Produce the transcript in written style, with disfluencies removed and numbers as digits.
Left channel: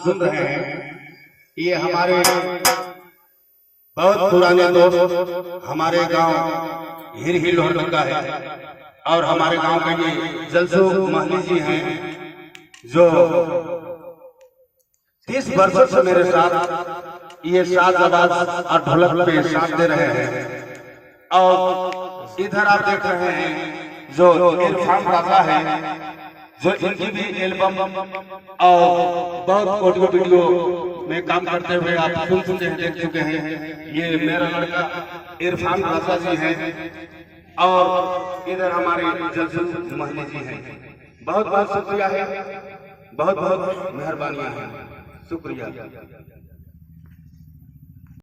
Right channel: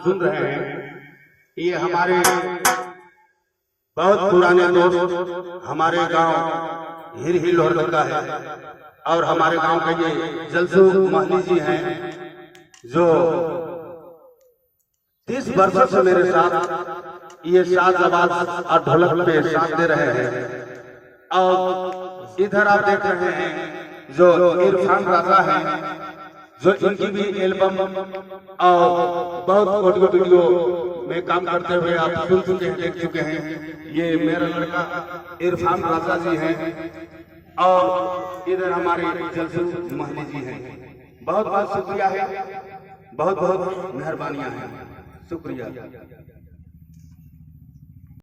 सुन रहे हैं, ये हमारे बहुत पुराने दोस्त हमारे गांव हिरही लोहर का है और हमारे गांव के ये जलसू महली जी हैं जो 30 वर्षों से मेरे साथ ये साज आवाज और ढोलक के साथ दे रहे हैं। और इधर आप देख रहे हैं जो इरफान राजा है, जो इनकी भी एल्बम और बहुत ऑडियो वीडियो में काम करते हुए आप सुन देख चुके हैं। ये मेरा लड़का इरफान राजा जी है और इधर हमारे जलसू महली जी हैं। बहुत बहुत शुक्रिया है, बहुत बहुत मेहरबानियां हैं, शुक्रिया।